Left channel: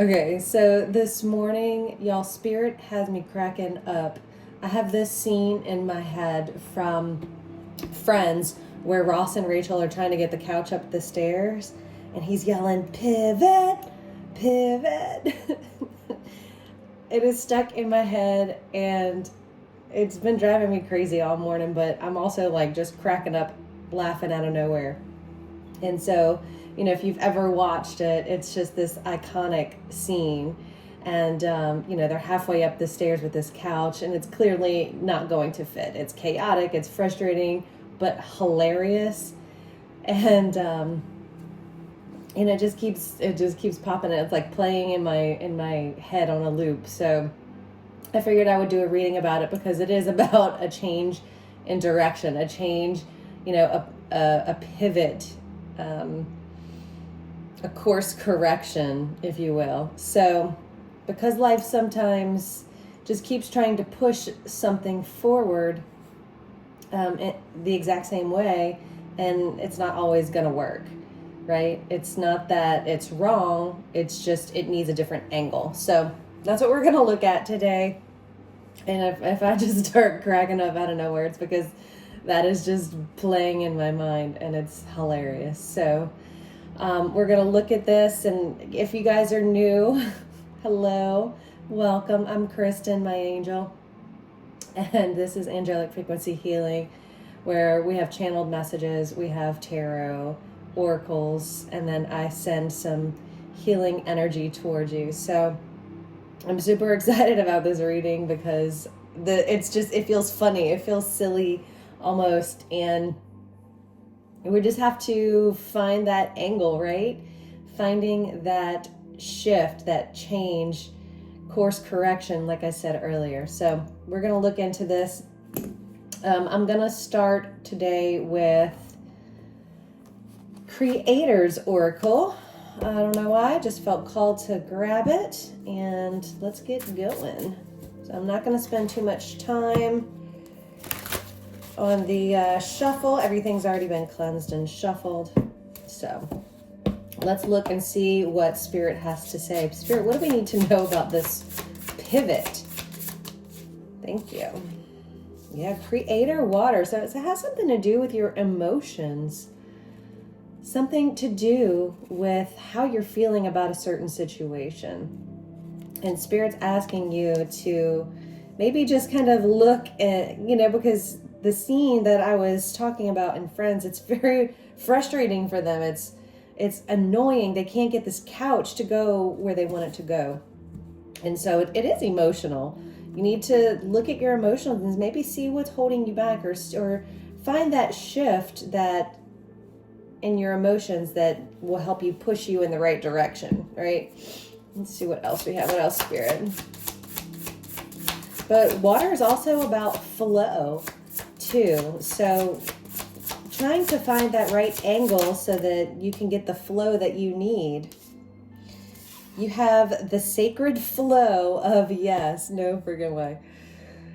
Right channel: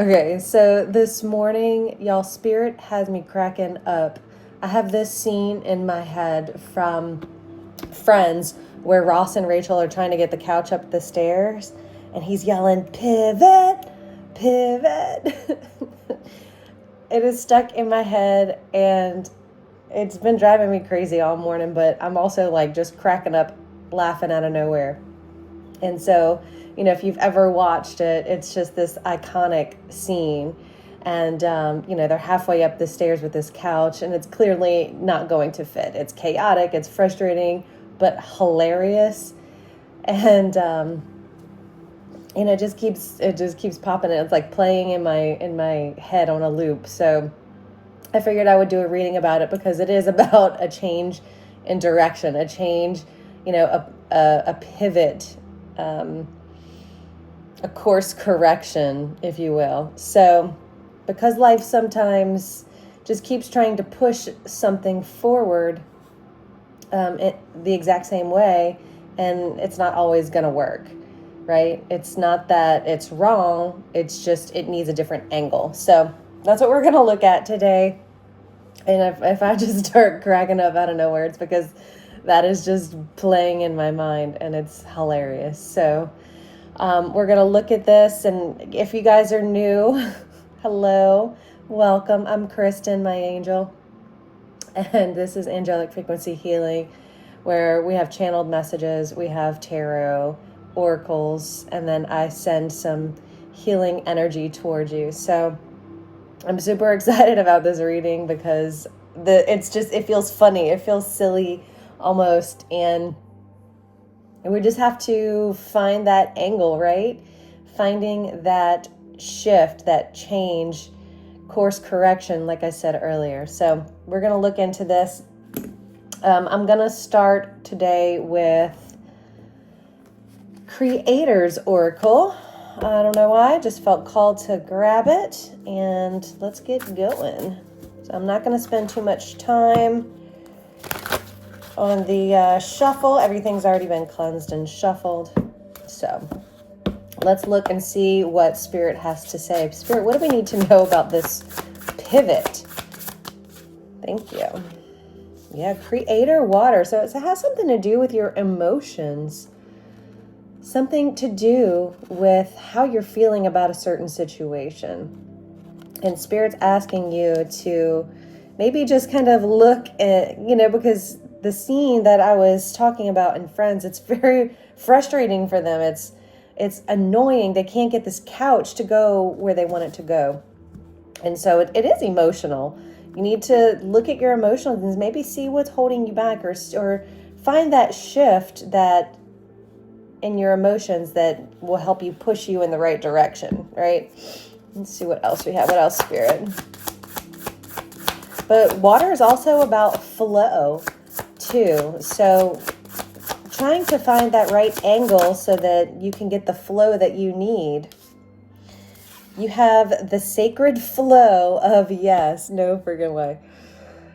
Okay, so this morning, y'all, Spirit has me cracking up. I have this scene in my head from Friends where Ross and Rachel are trying to get the couch up the stairs, and he's yelling, "Pivot, pivot." It is stuck in my head, and it's been driving me crazy all morning, but I'm also like just cracking up, laughing out of nowhere. And so, if you've ever watched it, it's just this iconic scene. And, they're halfway up the stairs with this couch, and it's clearly not going to fit. It's chaotic, it's frustrating, but hilarious. And, it just keeps popping. It's like playing in my head on a loop. So I figured I would do a reading about it because it is about a change in direction, a change, a pivot, a course correction, if you will. So because life sometimes just keeps trying to push something forward the exact same way, and it's not always going to work, right? It's not that it's wrong, it's just it needs a different angle. So that's what we're going to look at today. And if I just start cracking up out of nowhere, it's because that is just playing in my mind, and it's hilarious. So we're going to look at this, and if you guys are new, hello, welcome. I'm Kristen, my angel, and this is Angelic Frequency Healing, where we have channeled messages, we have tarot, oracles, and then I send some healing energy towards you. So I'm super excited about this reading because it feels funny, it feels silly almost, and we just have to find that angle, right? Finding that shift, that change, course correction, like I said earlier. So we're going to look into this. I'm going to start today with Creator's Oracle. I don't know why, I just felt called to grab it, and let's get going. So I'm not going to spend too much time on the shuffle. Everything's already been cleansed and shuffled. So let's look and see what Spirit has to say. Spirit, what do we need to know about this pivot? Thank you. Yeah, Creator water. So it has something to do with your emotions. Something to do with how you're feeling about a certain situation. And Spirit's asking you to maybe just kind of look at, because the scene that I was talking about in Friends, it's very frustrating for them. It's annoying. They can't get this couch to go where they want it to go. And so it is emotional. You need to look at your emotions and maybe see what's holding you back, or find that shift that in your emotions that will help you push you in the right direction, right? Let's see what else we have. What else, Spirit? But water is also about flow too. So trying to find that right angle so that you can get the flow that you need. You have the sacred flow of yes, no friggin' way.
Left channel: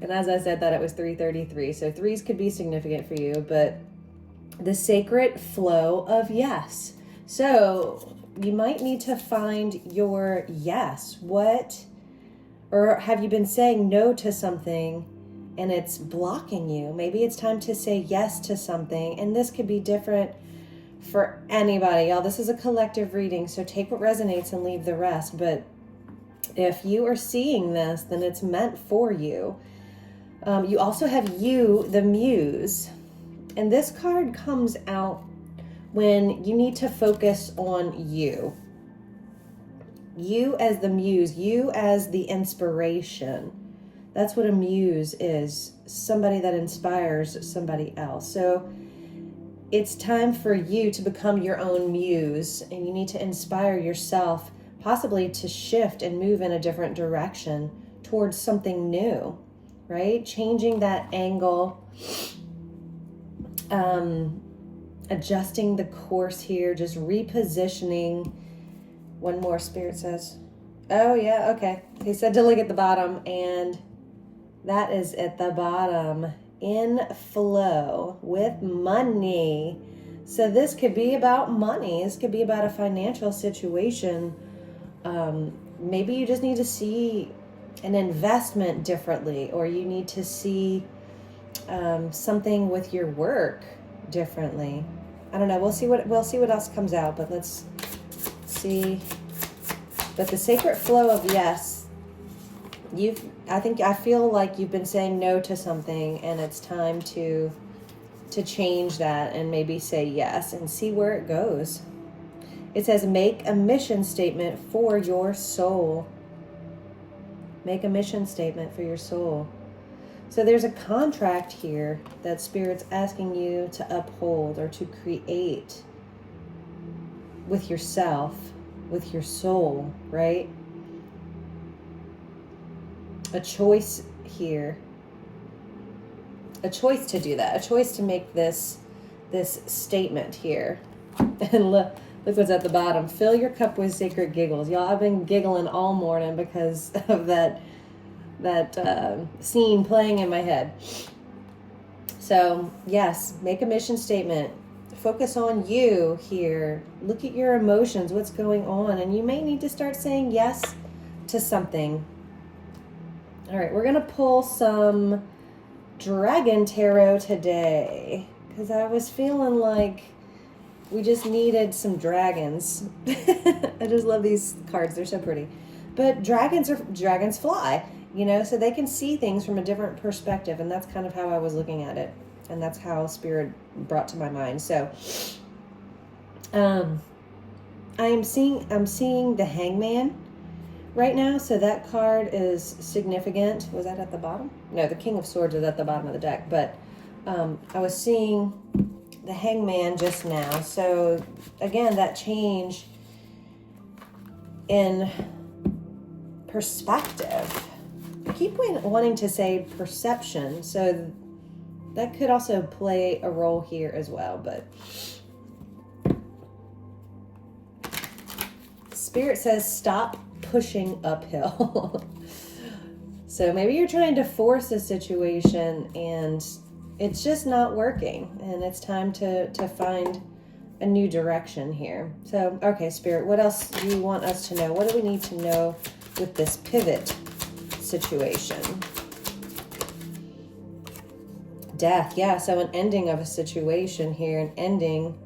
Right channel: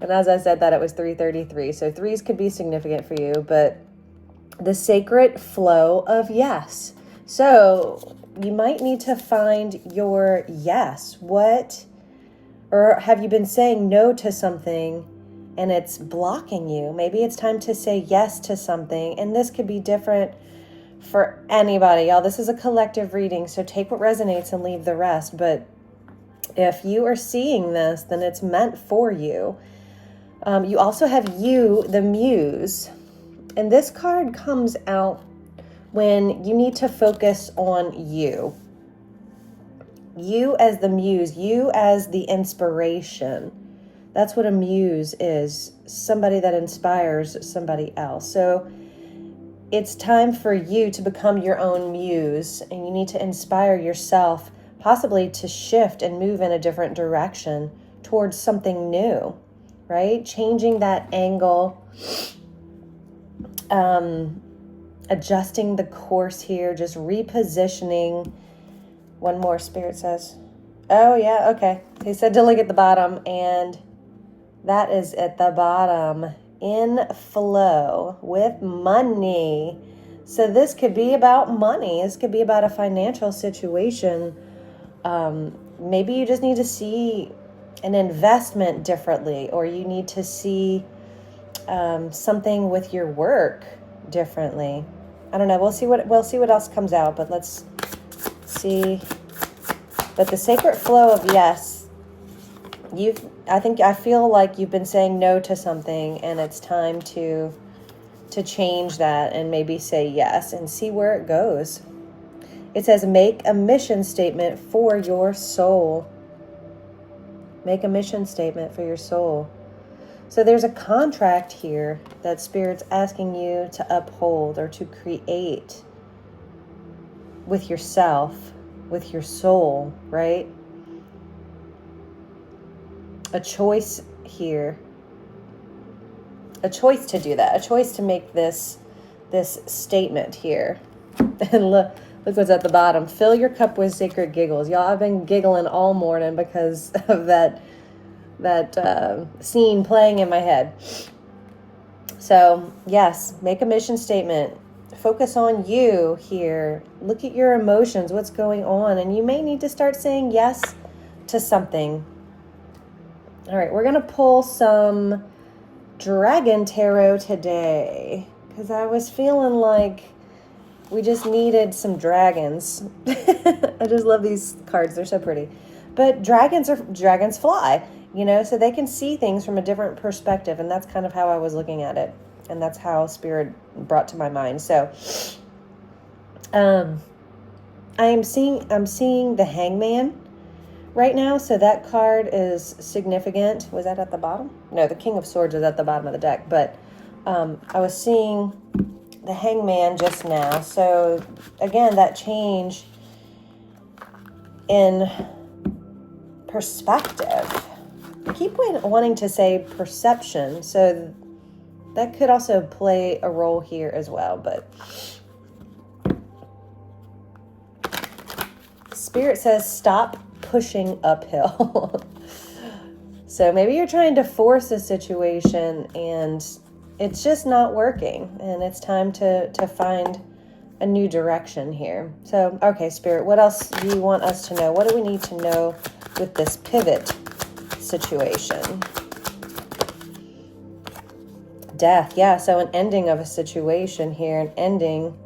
And as I said that, it was 3:33. So threes could be significant for you, but the sacred flow of yes. So you might need to find your yes. Or have you been saying no to something and it's blocking you? Maybe it's time to say yes to something. And this could be different for anybody. Y'all, this is a collective reading, so take what resonates and leave the rest. But if you are seeing this, then it's meant for you. You also have you, the muse. And this card comes out when you need to focus on you. You as the muse, you as the inspiration. That's what a muse is, somebody that inspires somebody else. So it's time for you to become your own muse, and you need to inspire yourself, possibly to shift and move in a different direction towards something new, right? Changing that angle, adjusting the course here, just repositioning. One more, Spirit says. Oh yeah, okay. He said to look at the bottom, and that is at the bottom. In flow with money. So this could be about money. This could be about a financial situation maybe you just need to see an investment differently, or you need to see something with your work differently. I don't know. We'll see what else comes out, but let's see. But the sacred flow of yes, I feel like you've been saying no to something, and it's time to change that and maybe say yes and see where it goes. It says make a mission statement for your soul. Make a mission statement for your soul. So there's a contract here that Spirit's asking you to uphold or to create with yourself, with your soul, right? A choice here. A choice to do that. A choice to make this statement here. And look what's at the bottom. Fill your cup with sacred giggles. Y'all, I've been giggling all morning because of that scene playing in my head. So yes, make a mission statement. Focus on you here. Look at your emotions, what's going on, and you may need to start saying yes to something. All right, we're gonna pull some Dragon Tarot today because I was feeling like we just needed some dragons. I just love these cards. They're so pretty. But dragons fly, so they can see things from a different perspective. And that's kind of how I was looking at it. And that's how Spirit brought to my mind. So I'm seeing the Hangman right now. So that card is significant. Was that at the bottom? No, the King of Swords is at the bottom of the deck. But I was seeing the Hangman just now. So again, that change in perspective. I keep wanting to say perception. So that could also play a role here as well. But Spirit says stop pushing uphill. So maybe you're trying to force a situation and it's just not working, and it's time to find a new direction here. So, okay, Spirit, what else do you want us to know? What do we need to know with this pivot situation? Death, yeah, so an ending of a situation here, an ending,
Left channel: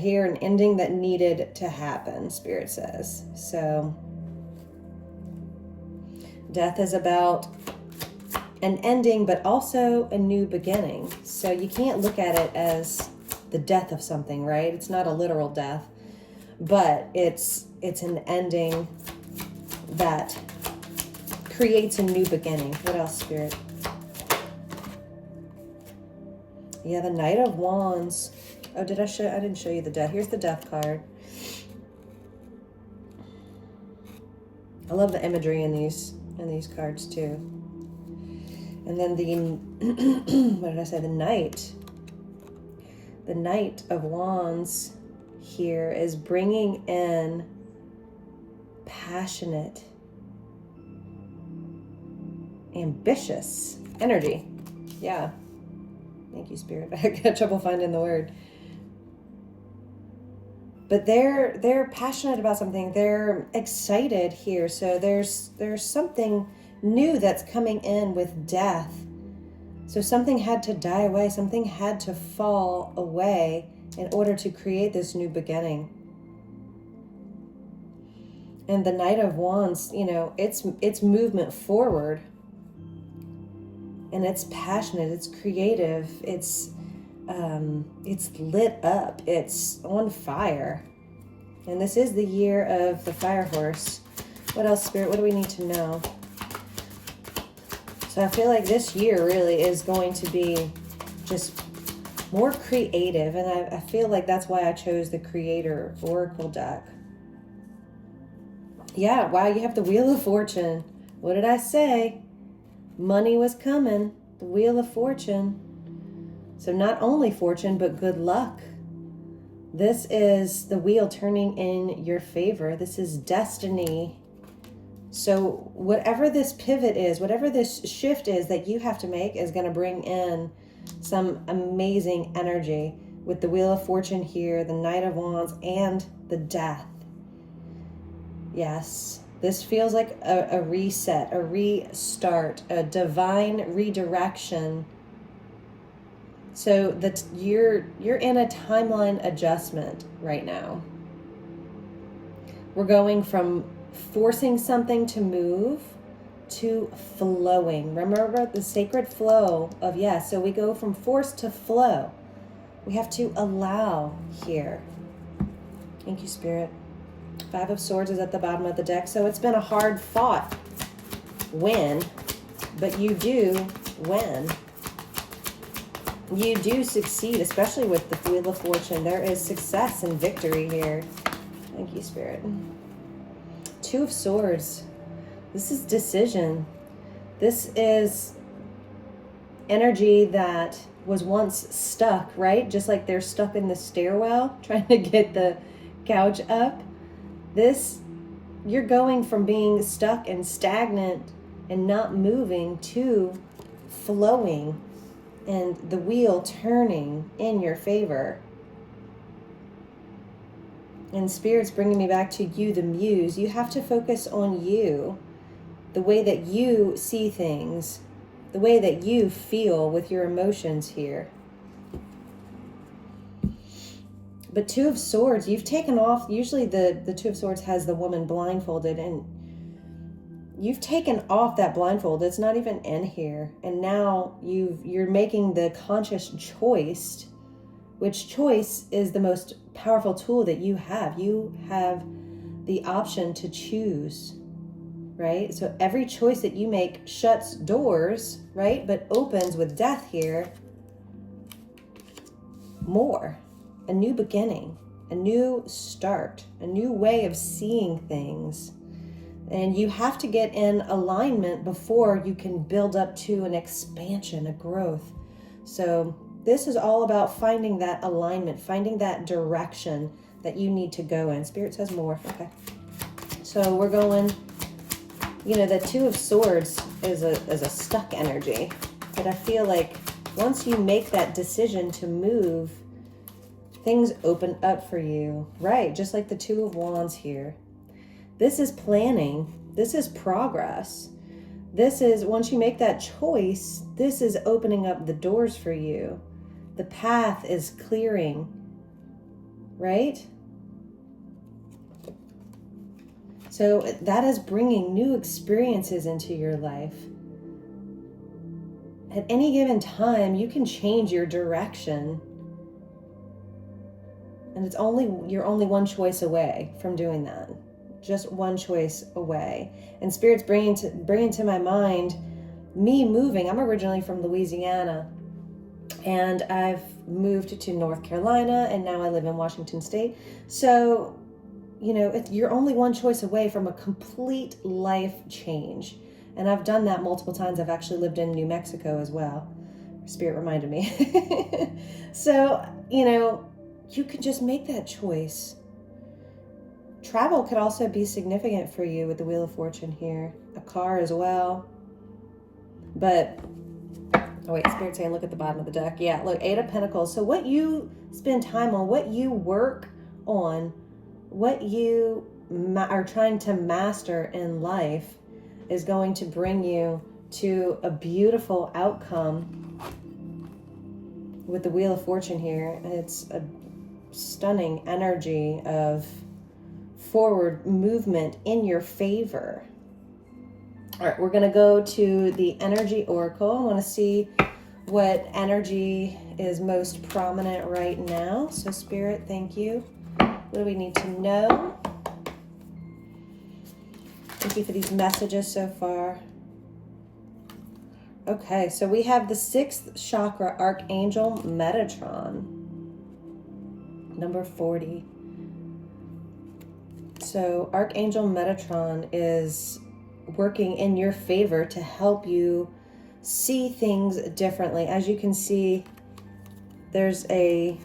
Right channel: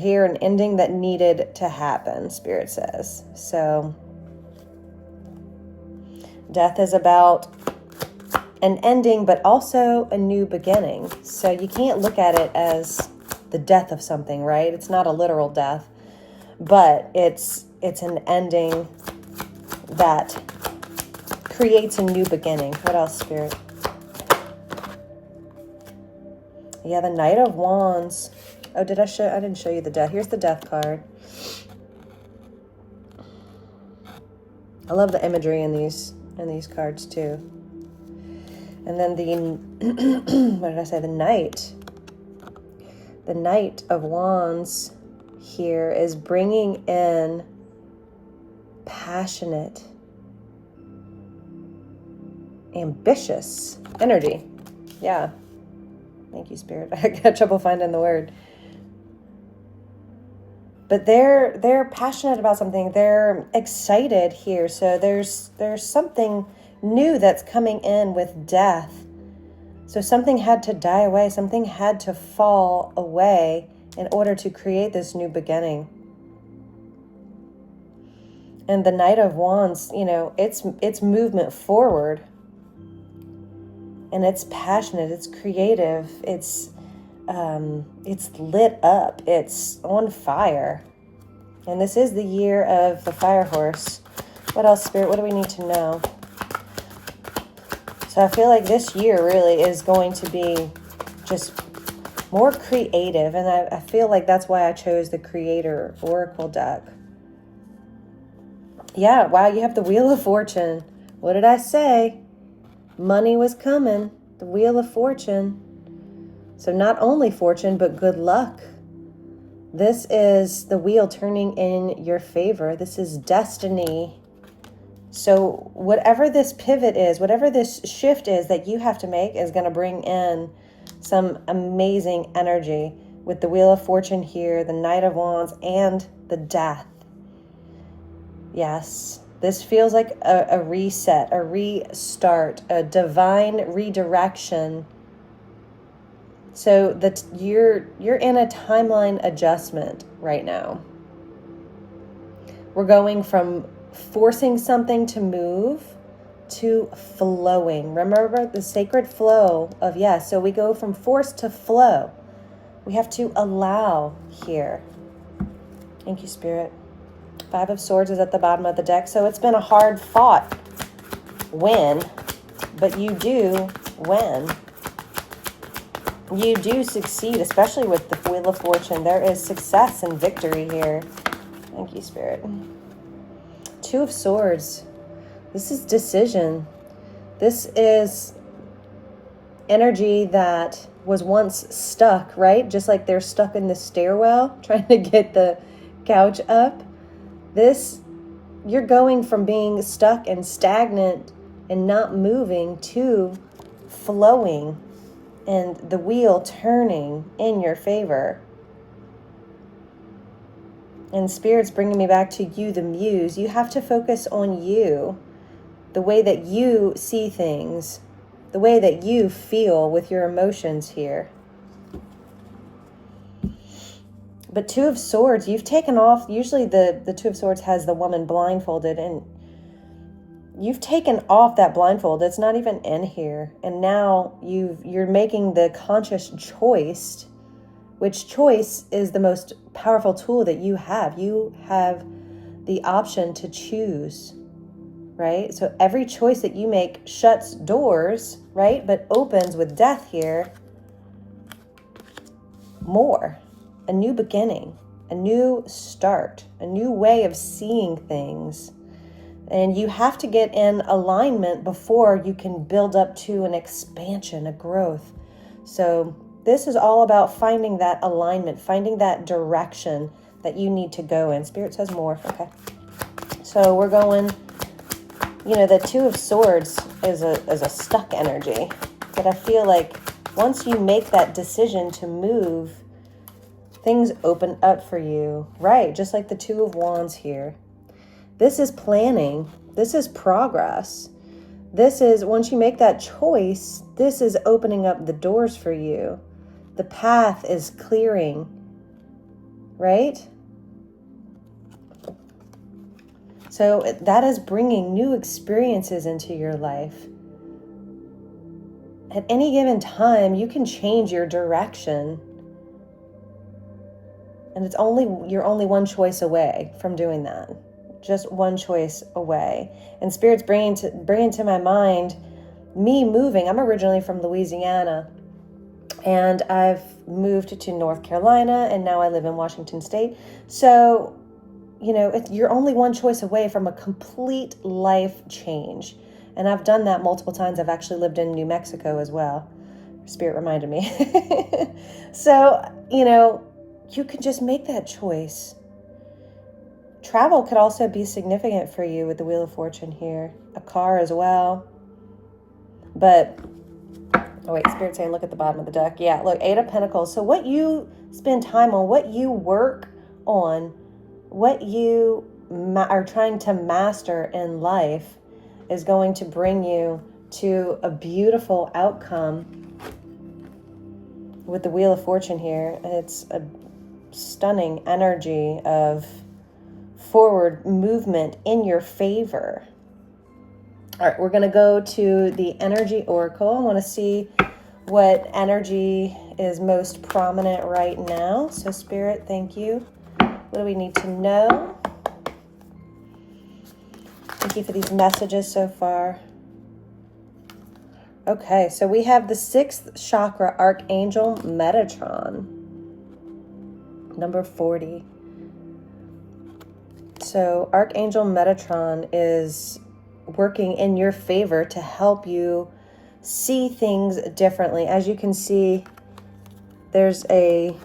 here, an ending that needed to happen, Spirit says. So death is about an ending, but also a new beginning. So you can't look at it as the death of something, right? It's not a literal death, but it's an ending that creates a new beginning. What else, Spirit? Yeah, the Knight of Wands. Oh, I didn't show you the death. Here's the death card. I love the imagery in these cards too. And then what did I say? The Knight. The Knight of Wands here is bringing in passionate, ambitious energy. Yeah. Thank you, Spirit. I got trouble finding the word. But they're passionate about something. They're excited here. So there's something new that's coming in with death. So something had to die away. Something had to fall away in order to create this new beginning. And the Knight of Wands, it's movement forward. And it's passionate, it's creative, it's lit up, it's on fire. And this is the year of the fire horse. What else, Spirit? What do we need to know? So I feel like this year really is going to be just more creative. And I feel like that's why I chose the Creator Oracle deck. Yeah, wow, you have the Wheel of Fortune. What did I say? Money was coming. The Wheel of Fortune. So not only fortune, but good luck. This is the wheel turning in your favor. This is destiny. So whatever this pivot is, whatever this shift is that you have to make is going to bring in some amazing energy. with the Wheel of Fortune here, the Knight of Wands, and the Death. Yes, this feels like a reset, a restart, a divine redirection. So that you're in a timeline adjustment right now. We're going from forcing something to move to flowing. Remember the sacred flow of yes. So we go from force to flow. We have to allow here. Thank you, Spirit. 5 of Swords is at the bottom of the deck. So it's been a hard fought win, but you do win. You do succeed, especially with the Wheel of Fortune. There is success and victory here. Thank you, Spirit. 2 of Swords. This is decision. This is energy that was once stuck, right? Just like they're stuck in the stairwell trying to get the couch up. This, you're going from being stuck and stagnant and not moving to flowing and the wheel turning in your favor. And Spirit's bringing me back to you, the muse. You have to focus on you, the way that you see things, the way that you feel with your emotions here. But 2 of Swords, you've taken off. Usually the 2 of Swords has the woman blindfolded, and you've taken off that blindfold. It's not even in here. And now you're making the conscious choice, which choice is the most powerful tool that you have. You have the option to choose, right? So every choice that you make shuts doors, right? But opens with death here more. A new beginning, a new start, a new way of seeing things. And you have to get in alignment before you can build up to an expansion, a growth. So this is all about finding that alignment, finding that direction that you need to go in. Spirit says more. Okay. So we're going, the 2 of Swords is a stuck energy. But I feel like once you make that decision to move, things open up for you. Right, just like the 2 of Wands here. This is planning. This is progress. This is, once you make that choice, this is opening up the doors for you. The path is clearing, right? So that is bringing new experiences into your life. At any given time, you can change your direction. And you're only one choice away from doing that. Just one choice away. And Spirit's bringing to my mind me moving. I'm originally from Louisiana, and I've moved to North Carolina, and now I live in Washington State. So, you're only one choice away from a complete life change. And I've done that multiple times. I've actually lived in New Mexico as well. Spirit reminded me. So, you can just make that choice. Travel could also be significant for you with the Wheel of Fortune here. A car as well. But, Spirit's saying look at the bottom of the deck. Yeah, look, 8 of Pentacles. So what you spend time on, what you work on, what you are trying to master in life is going to bring you to a beautiful outcome with the Wheel of Fortune here. It's a stunning energy of forward movement in your favor. All right, we're going to go to the Energy Oracle. I want to see what energy is most prominent right now. So Spirit, thank you. What do we need to know? Thank you for these messages so far. Okay, so we have the 6th chakra, Archangel Metatron, number 40. So Archangel Metatron is working in your favor to help you see things differently. As you can see, there's the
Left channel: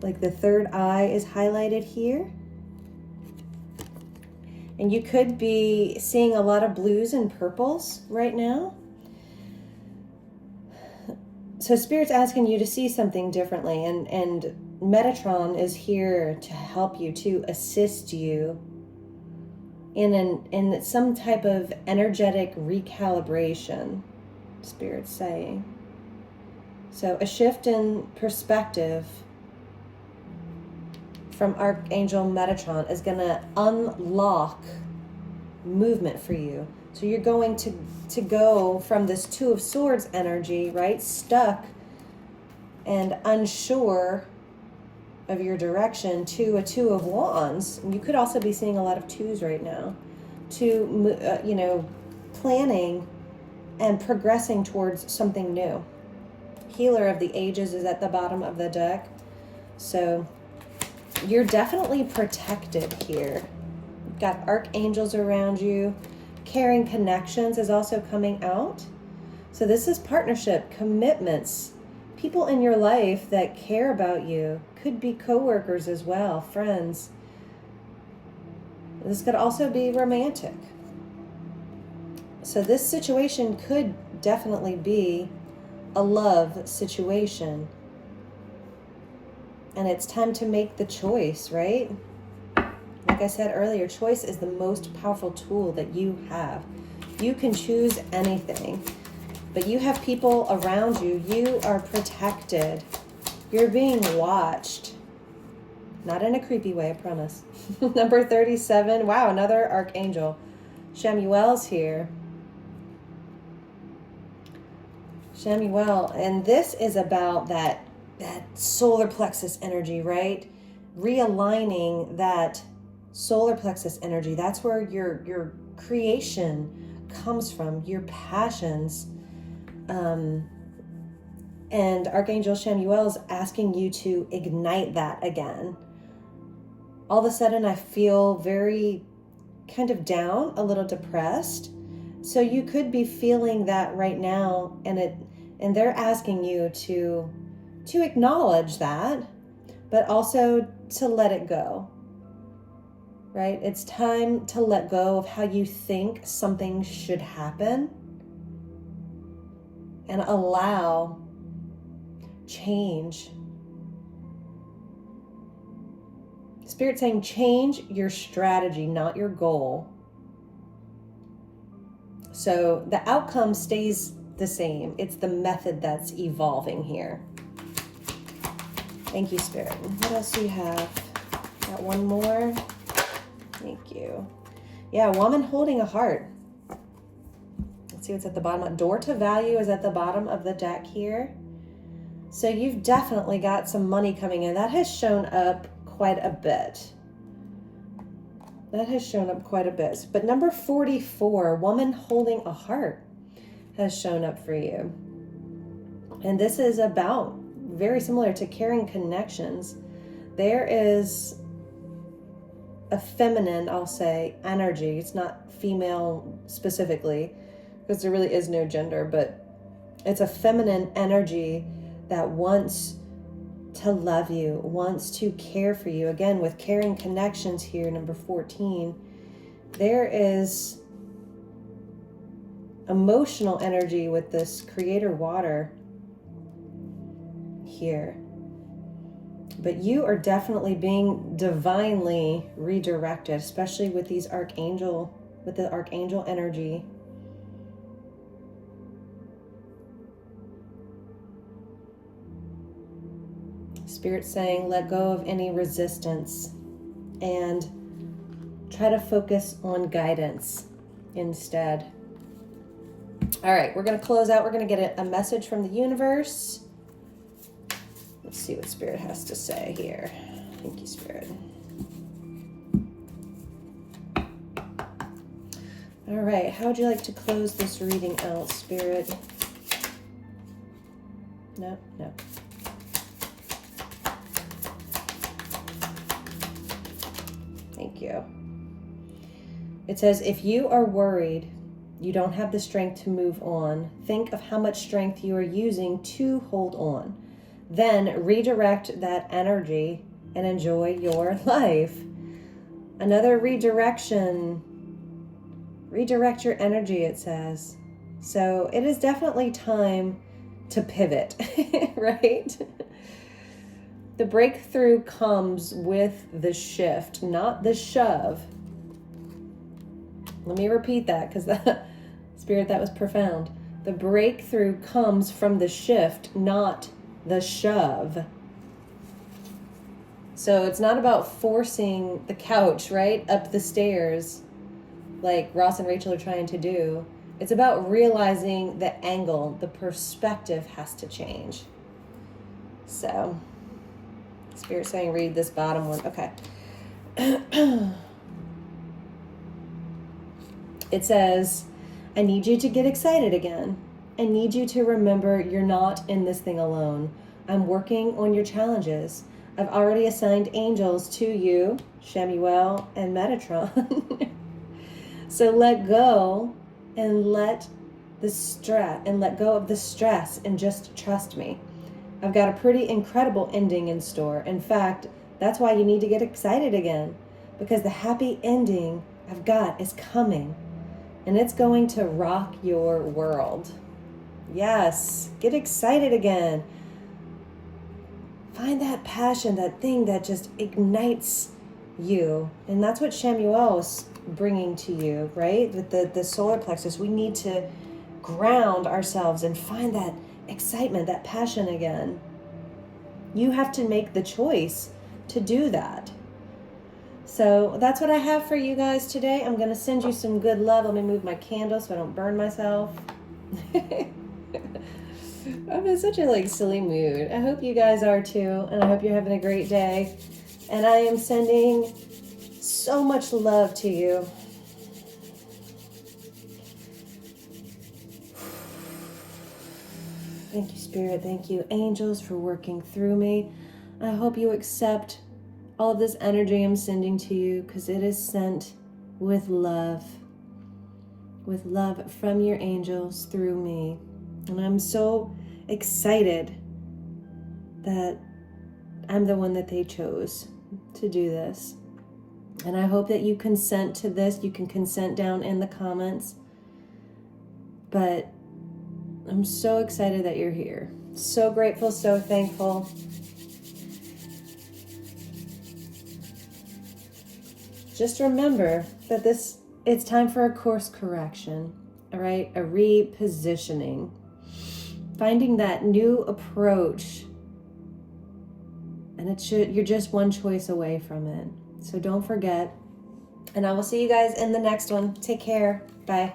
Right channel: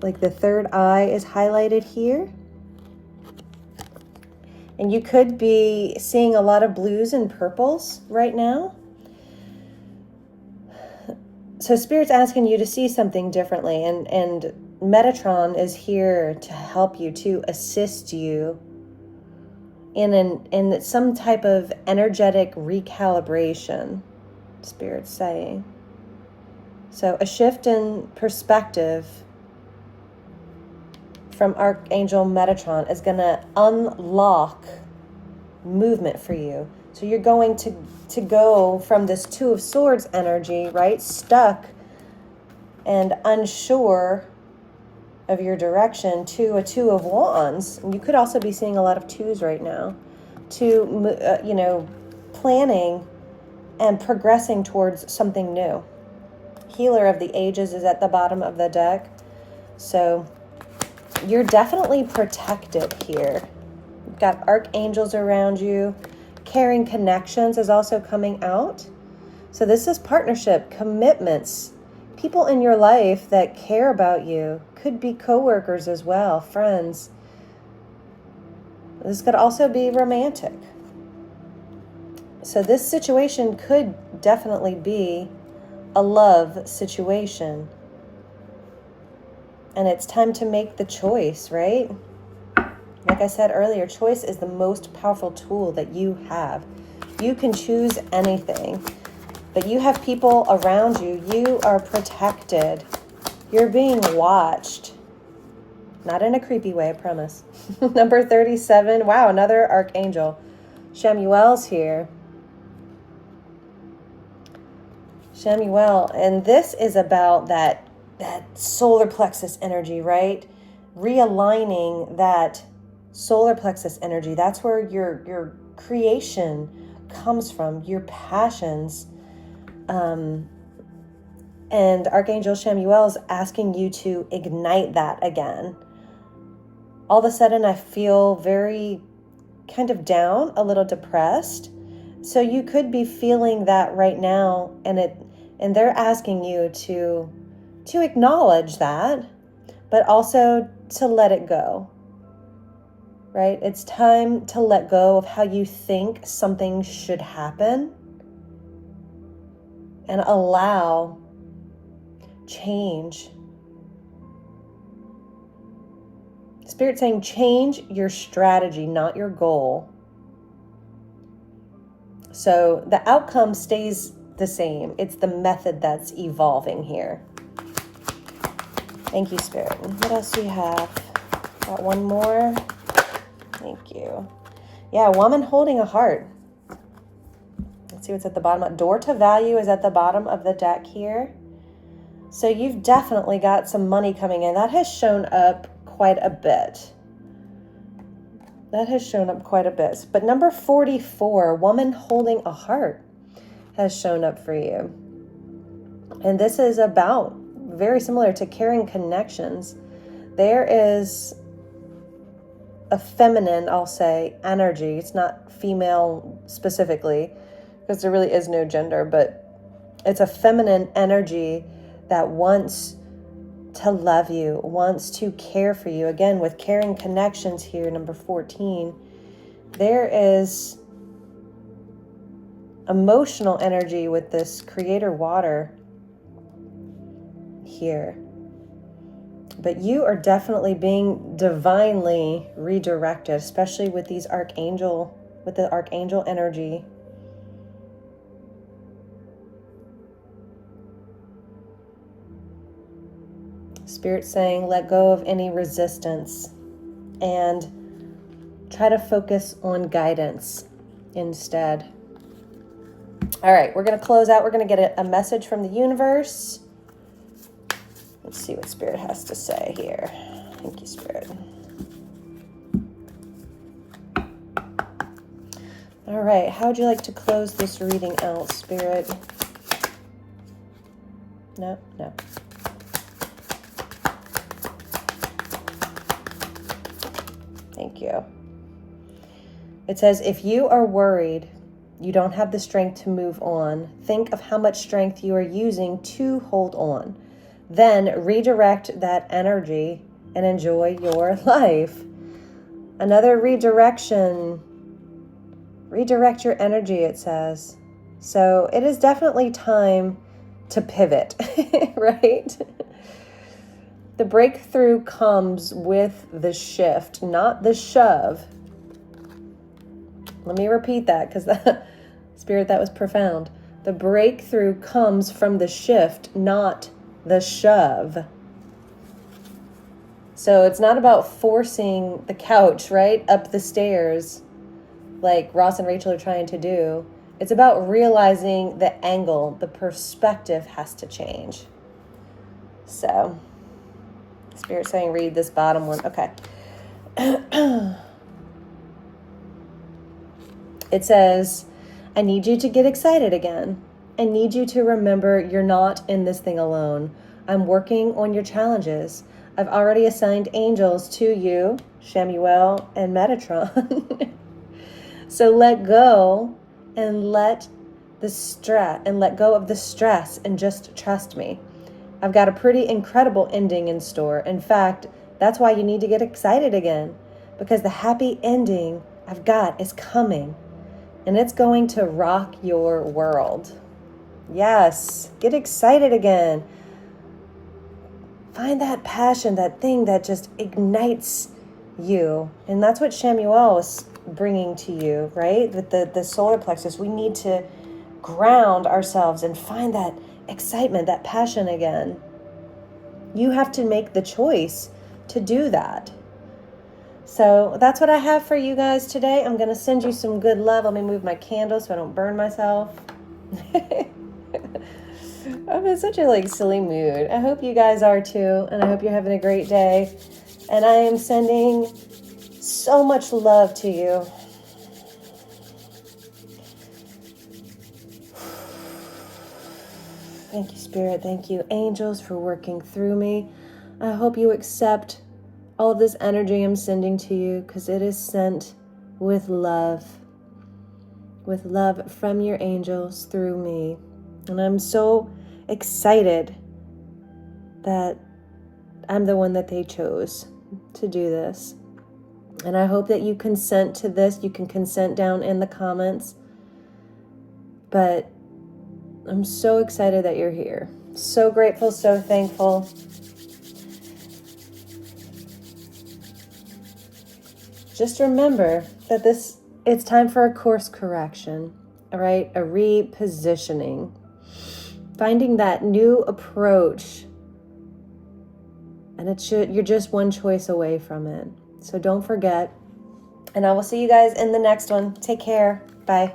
3rd eye is highlighted here. And you could be seeing a lot of blues and purples right now. So Spirit's asking you to see something differently, and Metatron is here to help you, to assist you in some type of energetic recalibration, Spirit's saying. So a shift in perspective from Archangel Metatron is going to unlock movement for you. So you're going to go from this Two of Swords energy, right? Stuck and unsure of your direction, to a Two of Wands. And you could also be seeing a lot of twos right now. To, planning and progressing towards something new. Healer of the Ages is at the bottom of the deck. So you're definitely protected here. You've got archangels around you. Caring connections is also coming out. So this is partnership, commitments, people in your life that care about you. Could be coworkers as well, friends. This could also be romantic. So this situation could definitely be a love situation. And it's time to make the choice, right? Like I said earlier, choice is the most powerful tool that you have. You can choose anything, but you have people around you. You are protected. You're being watched. Not in a creepy way, I promise. Number 37. Wow, another archangel. Shamuel's here. Shamuel, and this is about that solar plexus energy, right? Realigning that solar plexus energy. That's where your creation comes from, your passions. And Archangel Shamuel is asking you to ignite that again. All of a sudden, I feel very kind of down, a little depressed. So you could be feeling that right now, and they're asking you to acknowledge that, but also to let it go. Right? It's time to let go of how you think something should happen and allow change. Spirit saying change your strategy, not your goal. So the outcome stays the same. It's the method that's evolving here. Thank you, Spirit. What else do you have? Got one more. Thank you. Yeah, woman holding a heart. Let's see what's at the bottom. Door to value is at the bottom of the deck here. So you've definitely got some money coming in. That has shown up quite a bit. That has shown up quite a bit. But number 44, woman holding a heart, has shown up for you. And this is about, very similar to caring connections. There is a feminine, I'll say, energy. It's not female specifically, because there really is no gender, but it's a feminine energy that wants to love you, wants to care for you. Again, with caring connections here, number 14, there is emotional energy with this creator water here. But you are definitely being divinely redirected, especially with the archangel energy. Spirit saying, let go of any resistance and try to focus on guidance instead. All right, we're going to close out. We're going to get a message from the universe. Let's see what Spirit has to say here. Thank you, Spirit. All right, how would you like to close this reading out, Spirit? No. Thank you. It says, if you are worried, you don't have the strength to move on, think of how much strength you are using to hold on. Then redirect that energy and enjoy your life. Another redirection. Redirect your energy, it says. So it is definitely time to pivot, right? The breakthrough comes with the shift, not the shove. Let me repeat that because Spirit, that was profound. The breakthrough comes from the shift, not the shove. So it's not about forcing the couch, right, up the stairs like Ross and Rachel are trying to do. It's about realizing the angle, the perspective has to change. So, Spirit saying read this bottom one. Okay. It says, I need you to get excited again. I need you to remember you're not in this thing alone. I'm working on your challenges. I've already assigned angels to you, Shemuel and Metatron. So let go and let go of the stress and just trust me. I've got a pretty incredible ending in store. In fact, that's why you need to get excited again, because the happy ending I've got is coming. And it's going to rock your world. Yes, get excited again. Find that passion, that thing that just ignites you. And that's what Shemuel was bringing to you, right? With the solar plexus, we need to ground ourselves and find that excitement, that passion again. You have to make the choice to do that. So that's what I have for you guys today. I'm going to send you some good love. Let me move my candle so I don't burn myself. I'm in such a silly mood. I hope you guys are too. And I hope you're having a great day. And I am sending so much love to you. Thank you, Spirit. Thank you, angels, for working through me. I hope you accept all of this energy I'm sending to you, because it is sent with love from your angels through me. And I'm so excited that I'm the one that they chose to do this. And I hope that you consent to this. You can consent down in the comments. But I'm so excited that you're here. So grateful, so thankful. Just remember that it's time for a course correction, all right? A repositioning. Finding that new approach. And you're just one choice away from it. So don't forget. And I will see you guys in the next one. Take care. Bye.